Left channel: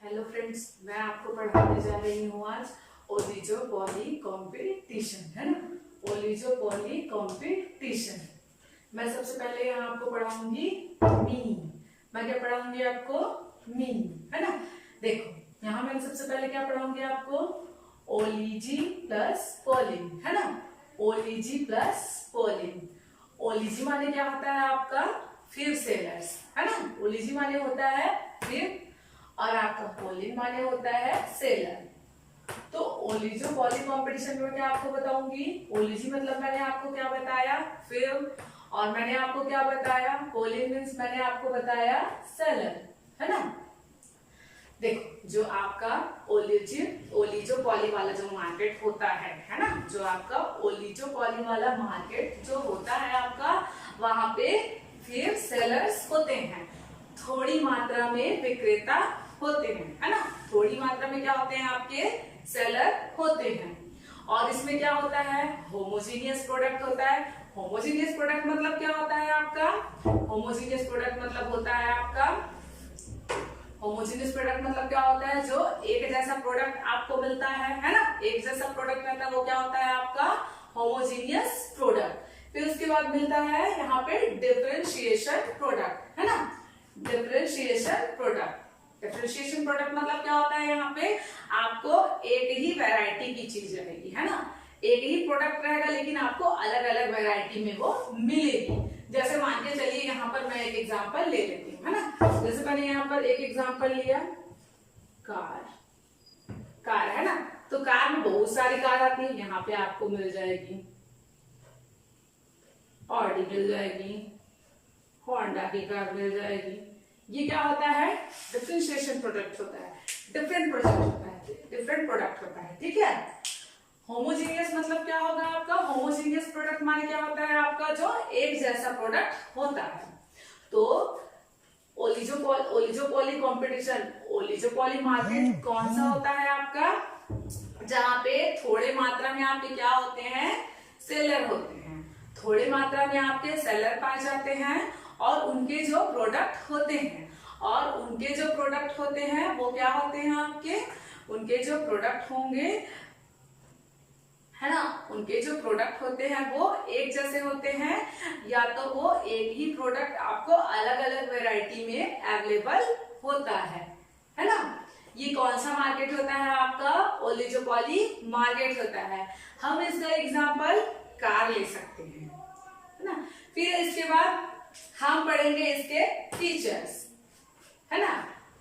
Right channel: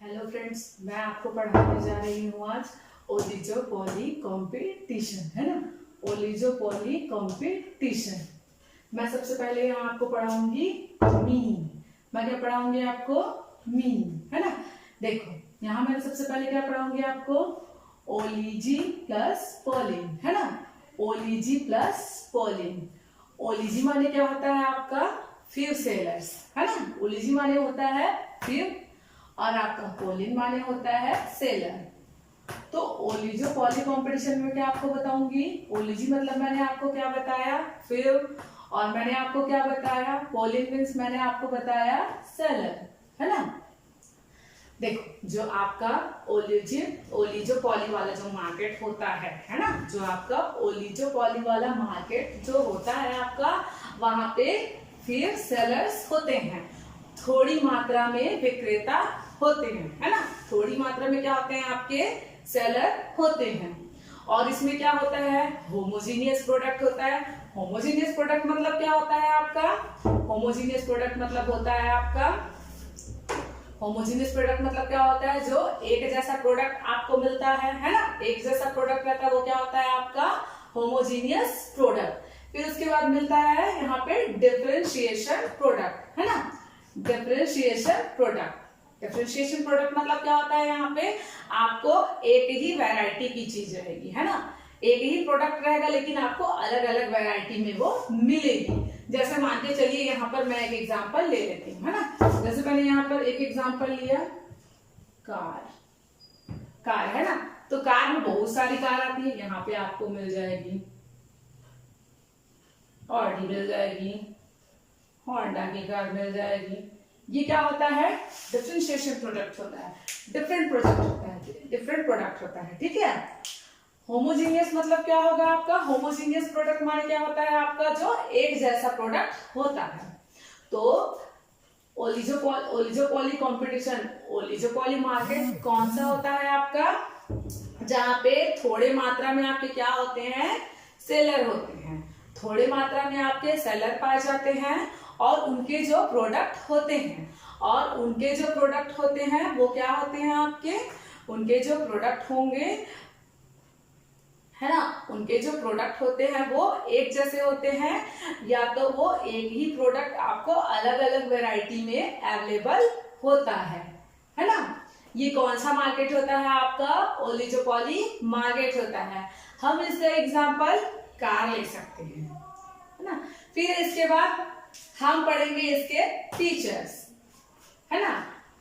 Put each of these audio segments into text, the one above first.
Hello friends, मैं आपको पढ़ाने जा रही हूँ आज ओलिगोपोली कंपटीशन, है ना। Oligopoly competition. मैं सबसे पहले यहाँ आपको पढ़ाऊंगी मीन। मैं क्या पढ़ाऊंगी आपको? मीन, है ना। देखो यहाँ मैंने सबसे पहले क्या पढ़ाऊंगी आपको? ओलिजी प्लस पोलिन, है ना। ओलिजी प्लस पोलिन। ओलिजी माने क्या होता है आपका? फिर सेलर्स, है ना। ओलिजी माने होता है फिर, और आपका पोलिन माने होता है सेलर। तो ओलिगोपोली कंपटीशन में क्या आपको बताऊंगी? ओलिजी मतलब मैंने आपको क्या बताया? फिर। और मैंने आपको क्या बताया? पोलिन मीन्स मैंने आपको बताया सेलर, है ना। देखो जो आपका ओलिगोपोली वाला जो मार्केट होता है ना, जो आपका ओलिगोपोली वाला मार्केट जो होता है आपका, वहां पे फिर सेलर्स होते हैं, थोड़ी मात्रा में विक्रेता होते हैं, है ना। थोड़ी मात्रा में क्या होते हैं? आपके सेलर होते हैं। और इसमें क्या होता है? होमोजीनियस प्रोडक्ट होता है। होमोजीनियस प्रोडक्ट मतलब क्या होता है आपका? होमोजीनियस प्रोडक्ट मतलब होता है आपका, होमोजीनियस प्रोडक्ट मतलब क्या होता है? जो एक जैसा प्रोडक्ट आपको मिलता है ना। एक जैसा प्रोडक्ट रहता है वो क्या होता है आपका? Homogeneous product. फिर उसके बाद मिलता है यहाँ पे डिफरेंशिएशन प्रोडक्ट, है ना। Differentiation product. डिफरेंशिएशन प्रोडक्ट मतलब क्या होता है? यहाँ पे आपको एक ही वैरायटी की चीज रहेगी, है ना। एक ही प्रोडक्ट रहेगा लेकिन आपको अलग अलग वैरायटी में वो मिलेगी। जैसे मान के चलिए यहाँ पर मैं एक एग्जांपल ले लेती हूँ, है ना। जैसे मैंने यहाँ पर एक एग्जांपल लिया, कार। कार, है ना। तो कार में बहुत सारी कार आती है। यहाँ पे आपको मिल जाएगी ऑडी, मिल जाएगी होंडा की कार, मिल जाएगी। ये क्या होता है? डिफरेंशिएशन प्रोडक्ट होता है, डिफरेंट प्रोडक्ट होता है, डिफरेंट प्रोडक्ट होता है, ठीक है। होमोजीनियस मतलब क्या होगा आपका? होमोजीनियस प्रोडक्ट माने क्या होता है आपका? जो एक जैसा प्रोडक्ट होता है। तो ओलिगोपोली कंपटीशन, ओलिगोपोली मार्केट कौन सा होता है आपका? जहां पे थोड़े मात्रा में आपके क्या होते हैं? सेलर होते हैं। थोड़े मात्रा में आपके सेलर पाए जाते हैं और उनके जो प्रोडक्ट होते हैं, और उनके जो प्रोडक्ट होते हैं वो क्या होते हैं आपके? उनके जो प्रोडक्ट होंगे, है ना, उनके जो प्रोडक्ट होते हैं वो एक जैसे होते हैं, या तो वो एक ही प्रोडक्ट आपको अलग अलग वैरायटी में अवेलेबल होता है ना। ये कौन सा मार्केट होता है आपका? ओलिगोपोली मार्केट होता है। हम इसका एग्जांपल कार ले सकते हैं, है ना। फिर इसके बाद हम पढ़ेंगे इसके फीचर्स, है ना।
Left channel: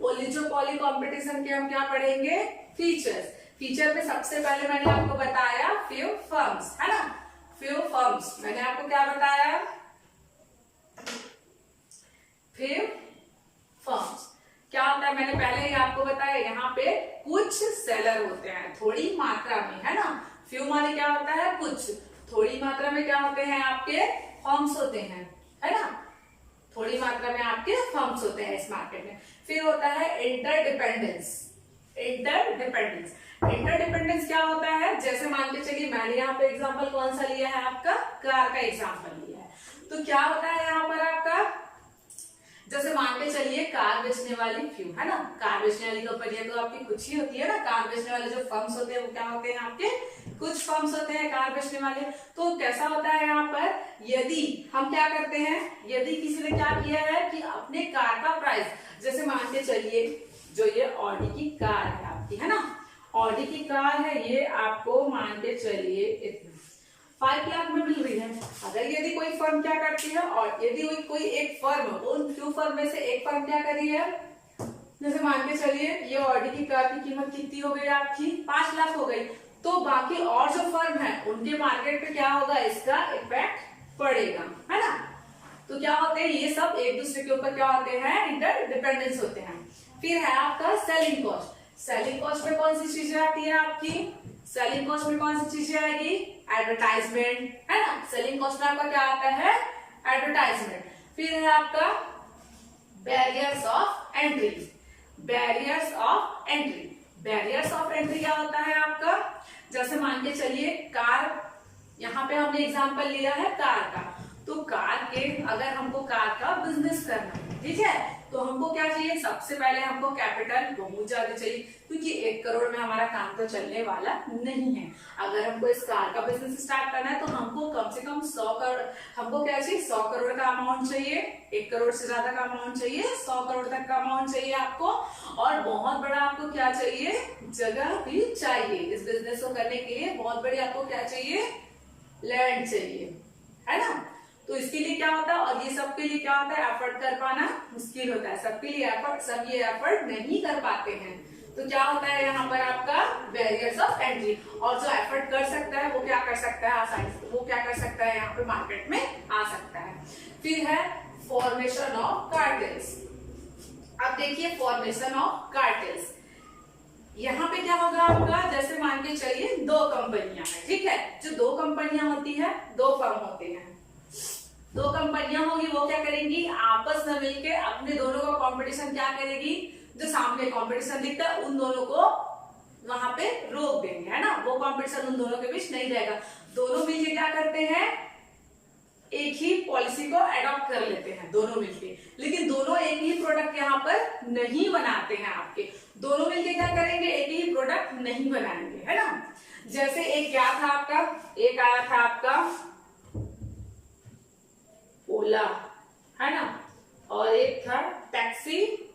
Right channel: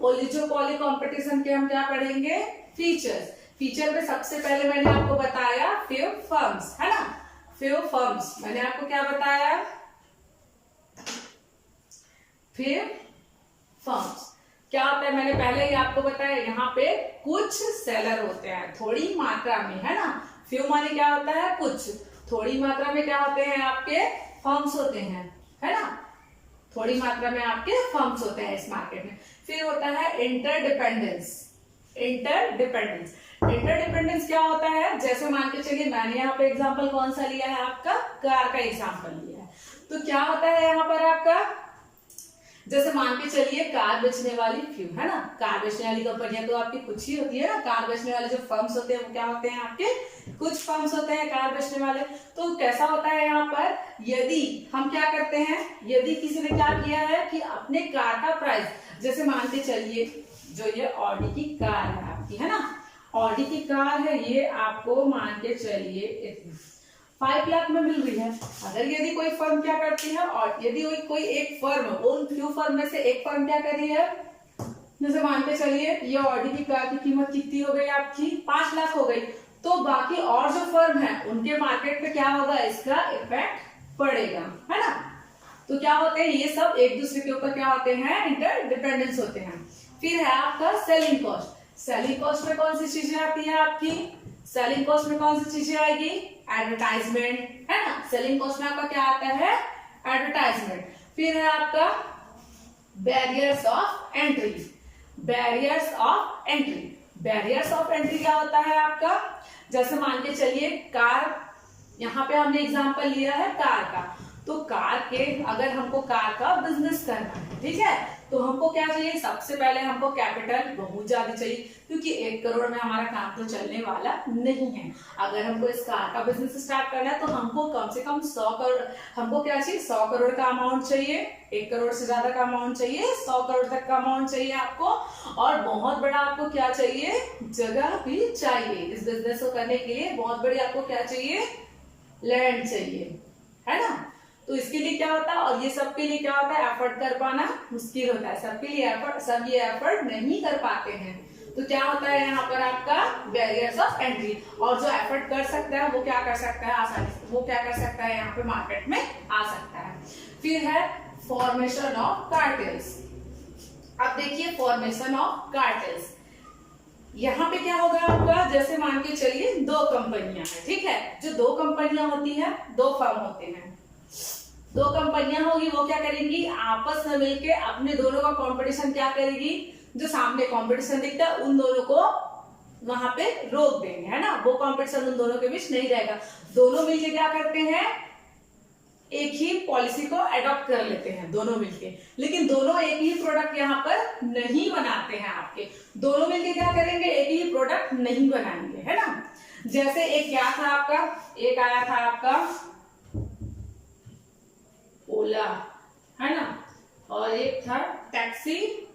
ओलिगोपोली कंपटीशन के हम क्या पढ़ेंगे? फीचर्स। फीचर में सबसे पहले मैंने आपको बताया फ्यू फर्म्स, है ना। फ्यू फर्म्स मैंने आपको क्या बताया? फ्यू फर्म्स क्या होता है? मैंने पहले ही आपको बताया, यहाँ पे कुछ सेलर होते हैं थोड़ी मात्रा में, है ना। फ्यू माने क्या होता है? कुछ। थोड़ी मात्रा में क्या होते हैं आपके? फर्म्स होते हैं, है ना। थोड़ी मात्रा में आपके फर्म्स होते हैं इस मार्केट में। फिर होता है इंटरडिपेंडेंस। इंटरडिपेंडेंस, इंटरडिपेंडेंस क्या होता है? जैसे मान के चलिए मैंने यहाँ पे एग्जांपल कौन सा लिया है आपका? कार का एग्जांपल लिया है। तो क्या होता है यहाँ पर आपका? जैसे मान के चलिए कार बेचने वाली फ्यू, है ना। कार बेचने वाली कंपनियां तो आपकी कुछ ही होती है ना। कार बेचने वाले जो फर्म्स होते हैं वो क्या होते हैं आपके? कुछ फर्म्स होते हैं कार बेचने वाले। तो कैसा होता है यहाँ पर? यदि हम क्या करते हैं, यदि किसी ने क्या किया है कि अपने कार का प्राइस, जैसे मान के चलिए जो ये ऑडी की कार है आपकी, है ना। ऑडी की कार है, ये आपको मान के चलिए 5 लाख में मिल रही है। अगर यदि कोई फर्म क्या करती है, और यदि कोई एक फर्म, उन फ्यू फर्म में से एक फर्म क्या कर रही है, जैसे मान के चलिए ये ऑडी की कार की कीमत कितनी हो गई आपकी? 5 लाख हो गई। तो बाकी और जो फर्म है उनके मार्केट पे क्या होगा? इसका इफेक्ट पड़ेगा, है ना। तो क्या होते हैं ये सब एक दूसरे के ऊपर क्या होते हैं? इंटरडिपेंडेंस होते हैं। फिर है आपका सेलिंग कॉस्ट। सेलिंग कॉस्ट में कौन सी चीजें आती है आपकी? सेलिंग कॉस्ट में कौन सी चीजें आएगी? एडवर्टाइजमेंट, है ना। सेलिंग कॉस्ट में आपका क्या आता है? एडवर्टाइजमेंट। फिर है आपका barriers of entry. Barriers of entry, barriers of entry क्या होता है आपका? जैसे मान के चलिए कार, यहाँ पे हमने एग्जांपल लिया है कार का। तो कार के अगर हमको कार का बिजनेस करना है, ठीक है, तो हमको क्या चाहिए, सबसे पहले हमको कैपिटल बहुत ज्यादा चाहिए, क्योंकि 1 करोड़ में हमारा काम तो चलने वाला नहीं है। अगर हमको इस कार का बिजनेस स्टार्ट करना है तो हमको कम से कम 100 करोड़, हमको क्या चाहिए, 100 करोड़ का अमाउंट चाहिए, 1 करोड़ से ज्यादा का अमाउंट चाहिए, 100 करोड़ तक का अमाउंट चाहिए आपको। और बहुत बड़ा आपको क्या चाहिए, जगह भी चाहिए। इस बिजनेस को करने के लिए बहुत बड़ी आपको क्या चाहिए, लैंड चाहिए, है ना। तो इसके लिए क्या होता है, और ये सबके लिए क्या होता है, एफर्ट कर पाना मुश्किल होता है, सबके लिए एफर्ट, सब ये एफर्ट नहीं कर पाते हैं। तो क्या होता है यहाँ पर आपका बैरियर्स ऑफ एंट्री, और जो एफर्ट कर सकता है वो क्या कर सकता है आसानी से, वो क्या कर सकता है यहाँ पे मार्केट में आ सकता है। फिर है फॉर्मेशन ऑफ कार्टेल्स। अब देखिए फॉर्मेशन ऑफ कार्टेल्स, यहाँ पे क्या होगा आपका, जैसे मान के चलिए 2 कंपनियां हैं, ठीक है, जो 2 कंपनियां होती है, 2 फर्म होते हैं, 2 कंपनियां होगी, वो क्या करेंगी, आपस में मिलके अपने दोनों का कंपटीशन क्या करेगी, जो सामने कंपटीशन दिखता है उन दोनों को वहां पे रोक देंगे, है ना, वो कंपटीशन उन दोनों के बीच नहीं रहेगा। दोनों मिलके क्या करते हैं, एक ही पॉलिसी को अडॉप्ट कर लेते हैं दोनों मिलके, लेकिन दोनों एक ही प्रोडक्ट यहाँ पर नहीं बनाते हैं आपके, दोनों मिलके क्या करेंगे, एक ही प्रोडक्ट नहीं बनाएंगे, है ना। जैसे एक क्या था आपका, एक आया था आपका ओला, है ना, और एक था टैक्सी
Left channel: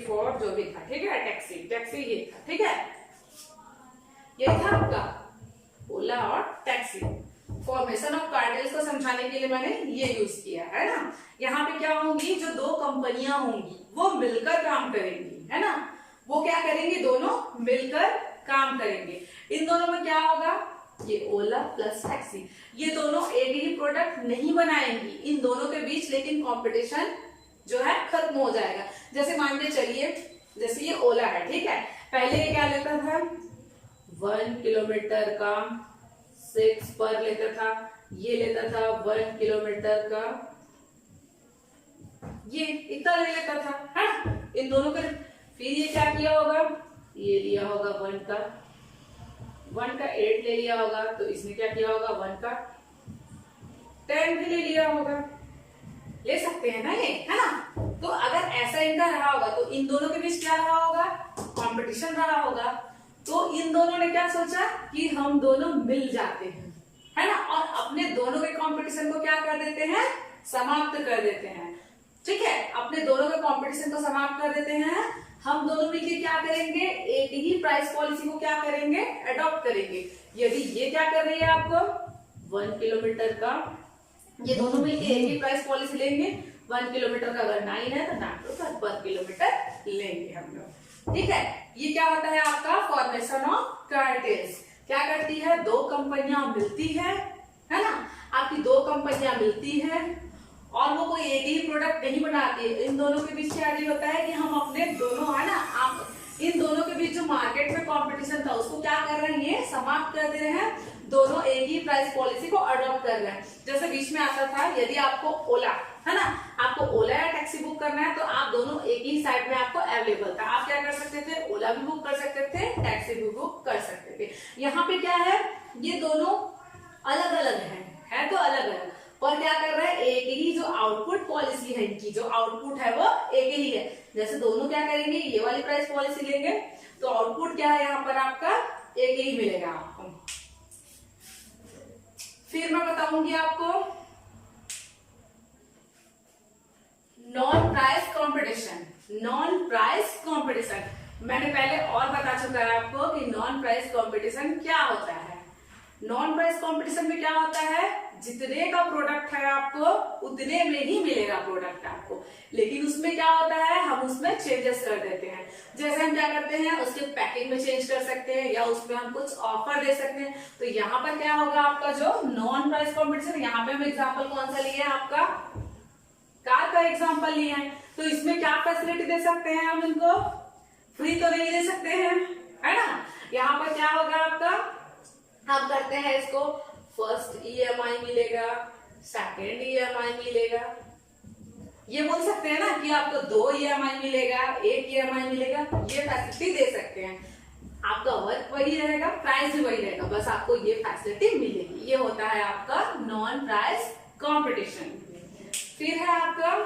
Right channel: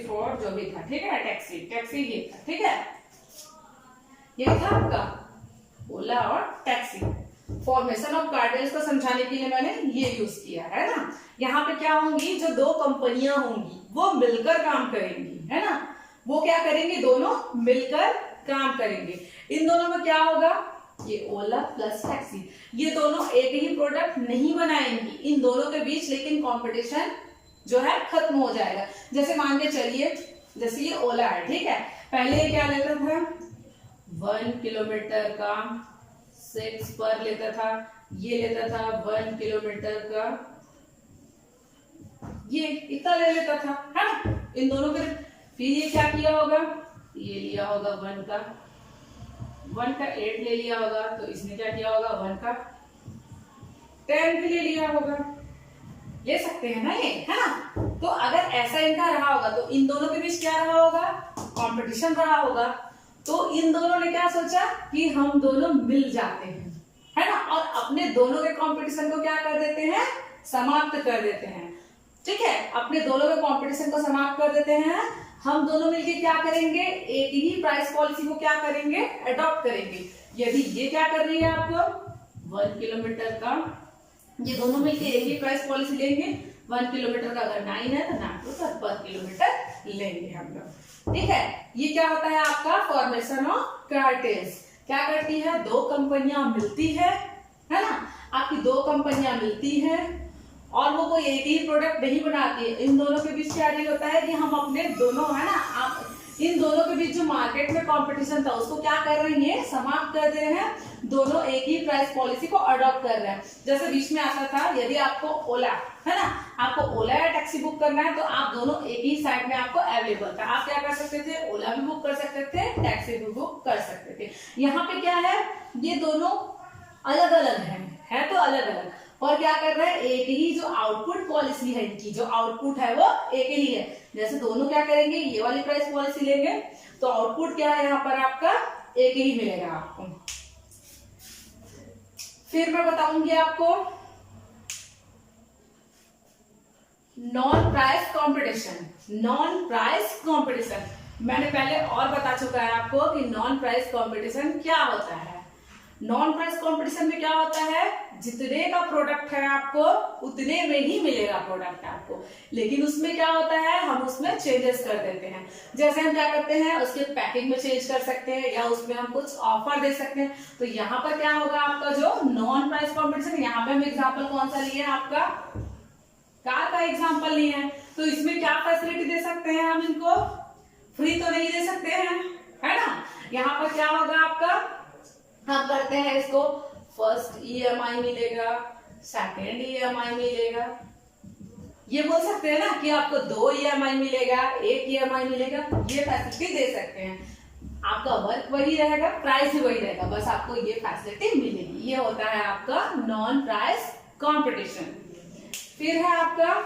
फॉर जो भी था, ठीक है, टैक्सी ये था, ठीक है, ये था आपका ओला और टैक्सी। फॉर्मेशन ऑफ कार्टेल्स को समझाने के लिए मैंने ये यूज किया, है ना। यहाँ पे क्या होंगी, जो 2 कंपनियां होंगी वो मिलकर काम करेंगी, है ना, वो क्या करेंगी, दोनों मिलकर काम करेंगे। इन दोनों में क्या होगा, ये ओला प्लस टैक्सी, ये दोनों एक ही प्रोडक्ट नहीं बनाएंगी, इन दोनों के बीच लेकिन कंपटीशन जो है खत्म हो जाएगा। जैसे मान के चलिए, जैसे ये ओला है, ठीक है, पहले ये क्या लेता था, 1 किलोमीटर का 6 पर लेता था, ये लेता था 1 किलोमीटर का, ये इतना ले लेता था, है ना, इन दोनों के। फिर ये क्या किया होगा, ये लिया होगा 1 का 8 ले लिया होगा, तो इसने क्या किया होगा, 1 का 10 भी ले लिया होगा, ले सकते हैं ना ये, है ना। तो अगर ऐसा इनका रहा होगा तो इन दोनों के बीच क्या रहा होगा, कंपटीशन रहा होगा। तो इन दोनों ने क्या सोचा कि हम दोनों मिल जाते हैं, है ना, और अपने दोनों के कंपटीशन को क्या कर देते हैं, समाप्त कर देते हैं, ठीक है, अपने दोनों के कंपटीशन को समाप्त कर देते हैं। हम दोनों मिलके क्या करेंगे, एक ही प्राइस पॉलिसी को क्या करेंगे, अडॉप्ट करेंगे। यदि ये क्या कर रही है आपको 1 किलोमीटर का, ये दोनों मिलके एक ही प्राइस पॉलिसी लेंगे, 1 किलोमीटर का अगर 9 है तो 9 पर किलोमीटर लेंगे हम लोग, ठीक है। ये क्या होता है आपका फॉर्मेशन ऑफ कार्टेल्स। क्या करती है, 2 कंपनियां मिलती है ना, आपकी 2 कंपनियां मिलती है और वो कोई एक ही प्रोडक्ट नहीं बनाती है। इन दोनों के बीच क्या होता है कि हम अपने दोनों, है ना, आप इन दोनों के बीच जो मार्केट में कंपटीशन था उसको क्या कर रहे हैं, समाप्त कर दे रहे हैं, दोनों एक ही प्राइस पॉलिसी को अडॉप्ट कर रहे हैं। जैसे बीच में आता था, यदि आपको ओला, है ना, आपको ओला या टैक्सी बुक करना है तो आप दोनों एक ही साइट में आपको अवेलेबल था, आप क्या कर सकते थे, ओला भी बुक कर सकते थे, टैक्सी भी बुक कर सकते थे। यहाँ पे क्या है, ये दोनों अलग अलग है तो अलग अलग, और क्या कर रहा है, एक ही जो आउटपुट पॉलिसी है, इनकी जो आउटपुट है वो एक ही है। जैसे दोनों क्या करेंगे, ये वाली प्राइस पॉलिसी लेंगे तो आउटपुट क्या है यहाँ पर आपका एक ही मिलेगा आपको। फिर मैं बताऊंगी आपको नॉन प्राइस कंपटीशन। मैंने पहले और बता चुका है आपको कि नॉन प्राइस कंपटीशन क्या होता है। नॉन प्राइस कंपटीशन में क्या होता है, जितने का प्रोडक्ट है आपको उतने में ही मिलेगा प्रोडक्ट आपको, लेकिन उसमें क्या होता है, हम उसमें चेंजेस कर देते हैं। जैसे हम क्या करते हैं, उसके पैकिंग में चेंज कर सकते हैं या उसमें हम कुछ ऑफर दे सकते हैं। तो यहाँ पर क्या होगा आपका जो नॉन प्राइस कंपटीशन, यहाँ पे हम एग्जाम्पल कौन सा लिए, आपका कार का एग्जाम्पल लिए हैं। तो इसमें क्या फैसिलिटी दे सकते हैं, हम इनको फ्री तो नहीं दे सकते हैं, है ना। यहाँ पर क्या होगा आपका, हम करते हैं इसको फर्स्ट EMI मिलेगा, सेकेंड EMI मिलेगा, ये बोल सकते हैं ना कि आपको 2 EMI मिलेगा, 1 EMI मिलेगा, ये फैसिलिटी दे सकते हैं। आपका वर्क वही रहेगा, प्राइस भी वही रहेगा, बस आपको ये फैसिलिटी मिलेगी। ये होता है आपका नॉन प्राइस कंपटीशन। फिर है आपका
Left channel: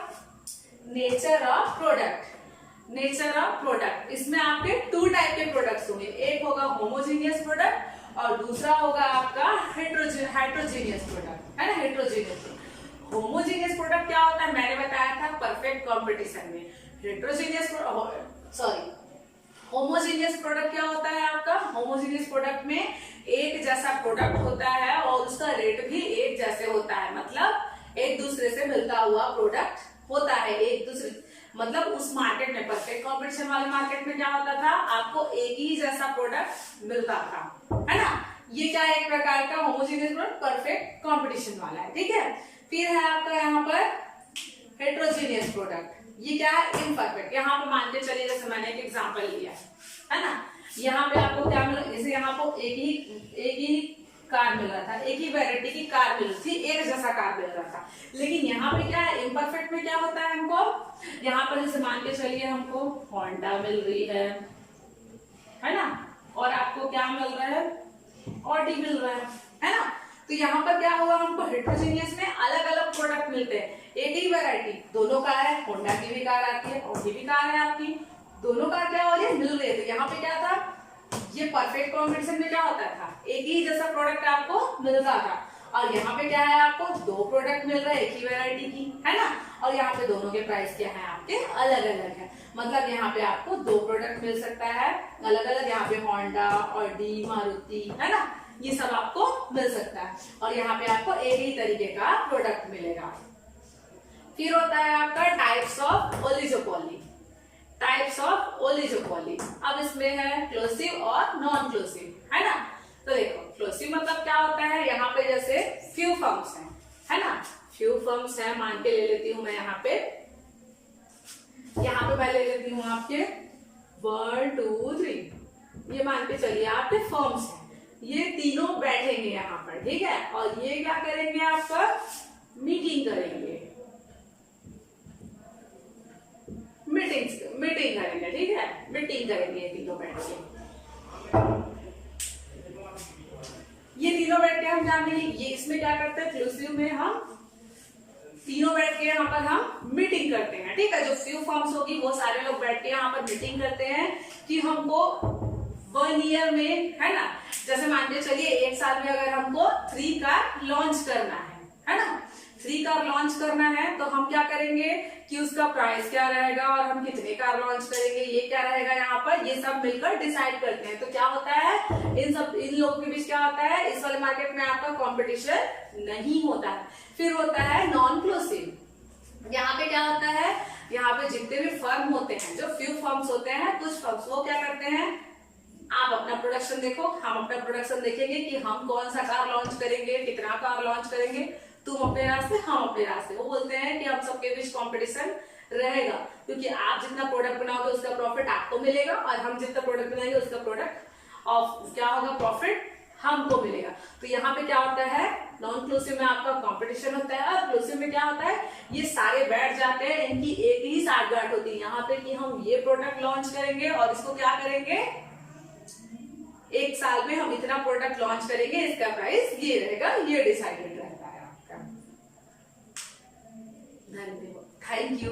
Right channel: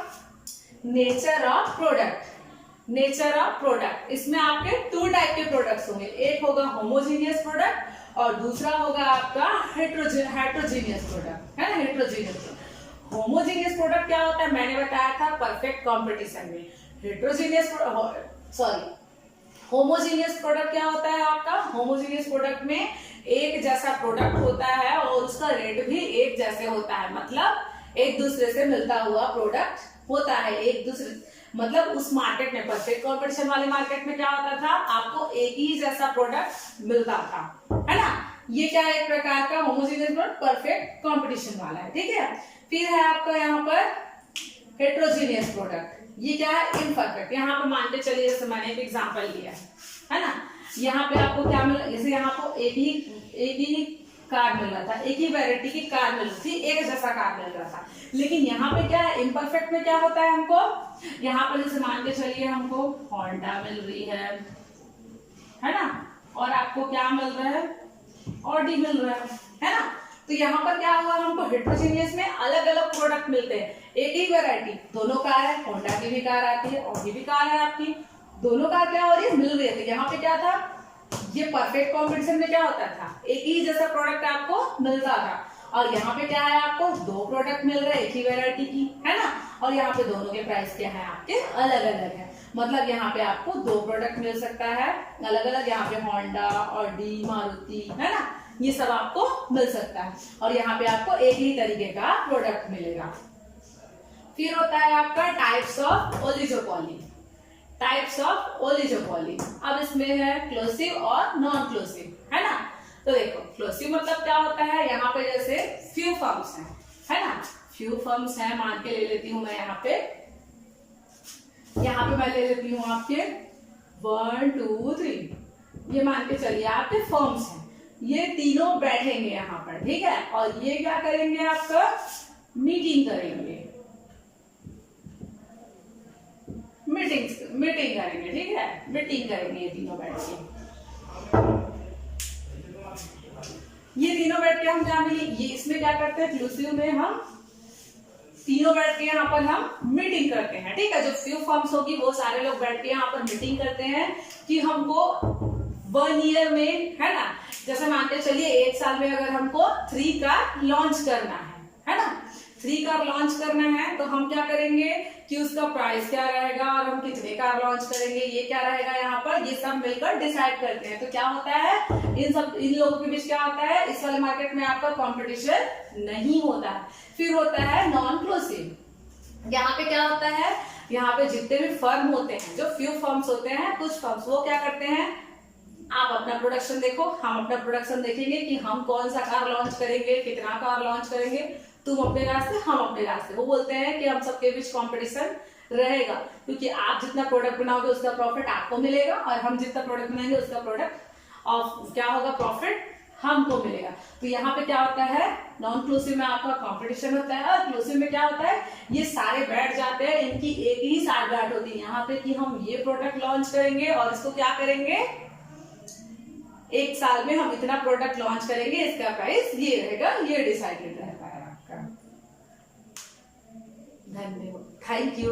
nature of product. Nature of product, इसमें आपके 2 टाइप के प्रोडक्ट्स होंगे, एक होगा होमोजीनियस प्रोडक्ट और दूसरा होगा आपका हेट्रोजीनियस प्रोडक्ट, है ना, हेट्रोजीनियस प्रोडक्ट। होमोजीनियस प्रोडक्ट क्या होता है, मैंने बताया था परफेक्ट कंपटीशन में। हेट्रोजीनियस होमोजीनियस प्रोडक्ट क्या होता है आपका, होमोजीनियस प्रोडक्ट में एक जैसा प्रोडक्ट होता है और उसका रेट भी एक जैसे होता है, मतलब एक दूसरे से मिलता हुआ प्रोडक्ट होता है। एक दूसरे मतलब उस मार्केट में, परफेक्ट कंपटीशन वाले मार्केट में क्या होता था, आपको एक ही जैसा प्रोडक्ट मिलता था, है ना। ये क्या है, एक प्रकार का होमोजीनियस प्रोडक्ट परफेक्ट कंपटीशन वाला है, ठीक है। फिर है आपका यहाँ पर हेट्रोजीनियस प्रोडक्ट, ये क्या है, इम्परफेक्ट। यहाँ पे मान के चलिए, जैसे मैंने एक एग्जांपल लिया है ना, यहाँ पे आपको क्या मिला, जैसे यहाँ को एक ही कार मिल रहा था, एक ही वैरायटी की कार मिल रही थी, एक जैसा कार मिल रहा था। लेकिन यहाँ पे क्या है, इम्परफेक्ट में क्या होता है, हमको यहाँ पर जैसे मान के चलिए हमको होंडा मिल रही है ना, और आपको क्या मिल रहा है, ऑडी मिल रहा है ना। तो यहाँ पर क्या हुआ, हमको हेट्रोजीनियस में अलग अलग प्रोडक्ट मिलते हैं, एक ही वैरायटी, दोनों कार है, होंडा की भी कार आती है, ऑडी भी कार है आपकी, दोनों कार क्या हो रही है, मिल रही है। तो यहाँ पे क्या था, ये परफेक्ट कॉम्पिटिशन में क्या होता था, एक ही जैसा प्रोडक्ट आपको मिलता था। और यहाँ पे क्या है, आपको 2 प्रोडक्ट मिल रहे हैं एक ही वैरायटी की, है ना, और यहाँ पे दोनों के प्राइस क्या है, आपके अलग अलग है। मतलब यहाँ पे आपको 2 प्रोडक्ट मिल सकता है अलग अलग, यहाँ पे होंडा, ऑडी, मारुति, है ना, ये सब आपको मिल सकता है, और यहाँ पे आपको एक ही तरीके का प्रोडक्ट मिलेगा। फिर होता है आपका types of oligopoly. Types of oligopoly, अब इसमें है क्लोसिव और नॉन क्लोसिव, है ना। तो देखो, क्लोसिव मतलब क्या होता है, यहाँ पे जैसे फ्यू फर्म्स हैं, है ना, फ्यू फर्म्स हैं, मान के ले लेती हूँ मैं यहाँ पे मैं ले लेती हूँ आपके 1 2 3, ये मान के चलिए आपके फर्म्स हैं, ये तीनों बैठेंगे यहाँ पर, ठीक है, और ये क्या करेंगे, आपका मीटिंग करेंगे, मीटिंग करेंगे, ठीक है, मीटिंग करेंगे ये तीनों बैठ के। ये तीनों बैठ के हम क्या मिली, ये इसमें क्या करते हैं, क्लूसिव में हम तीनों बैठ के यहाँ पर हम मीटिंग करते हैं, ठीक है। जो फ्यू फर्म्स होगी वो सारे लोग बैठ के यहाँ पर मीटिंग करते हैं कि हमको 1 ईयर में, है ना, जैसे मान के चलिए 1 साल में अगर हमको 3 कार लॉन्च करना है ना, 3 कार लॉन्च करना है, तो हम क्या करेंगे कि उसका प्राइस क्या रहेगा और हम कितने कार लॉन्च करेंगे, ये क्या रहेगा, यहाँ पर ये सब मिलकर डिसाइड करते हैं। तो क्या होता है, इन लोगों के बीच क्या होता है, इस वाले मार्केट में आपका कंपटीशन नहीं होता है। फिर होता है नॉन क्लोसिव, यहाँ पे क्या होता है, यहाँ पे जितने भी फर्म होते हैं, जो फ्यू फर्म्स होते हैं, कुछ फर्म्स, वो क्या करते हैं, आप अपना प्रोडक्शन देखो, हम अपना प्रोडक्शन देखेंगे कि हम कौन सा कार लॉन्च करेंगे, कितना कार लॉन्च करेंगे, तुम अपने रास्ते, हम अपने रास्ते। वो बोलते हैं कि हम सबके बीच कंपटीशन रहेगा, क्योंकि आप जितना प्रोडक्ट बनाओगे उसका प्रॉफिट आपको मिलेगा, और हम जितना प्रोडक्ट बनाएंगे उसका प्रोडक्ट ऑफ क्या होगा, प्रॉफिट हमको मिलेगा। तो यहाँ पे क्या होता है, नॉन क्लूसिव में आपका कंपटीशन होता है, और क्लूसिव में क्या होता है, ये सारे बैठ जाते हैं, इनकी एक ही साठगांठ होती है यहाँ पे कि हम ये प्रोडक्ट लॉन्च करेंगे और इसको क्या करेंगे, 1 साल में हम इतना प्रोडक्ट लॉन्च करेंगे, इसका प्राइस ये रहेगा, ये डिसाइडेड रहता है आपका। धन्यवाद, थैंक यू।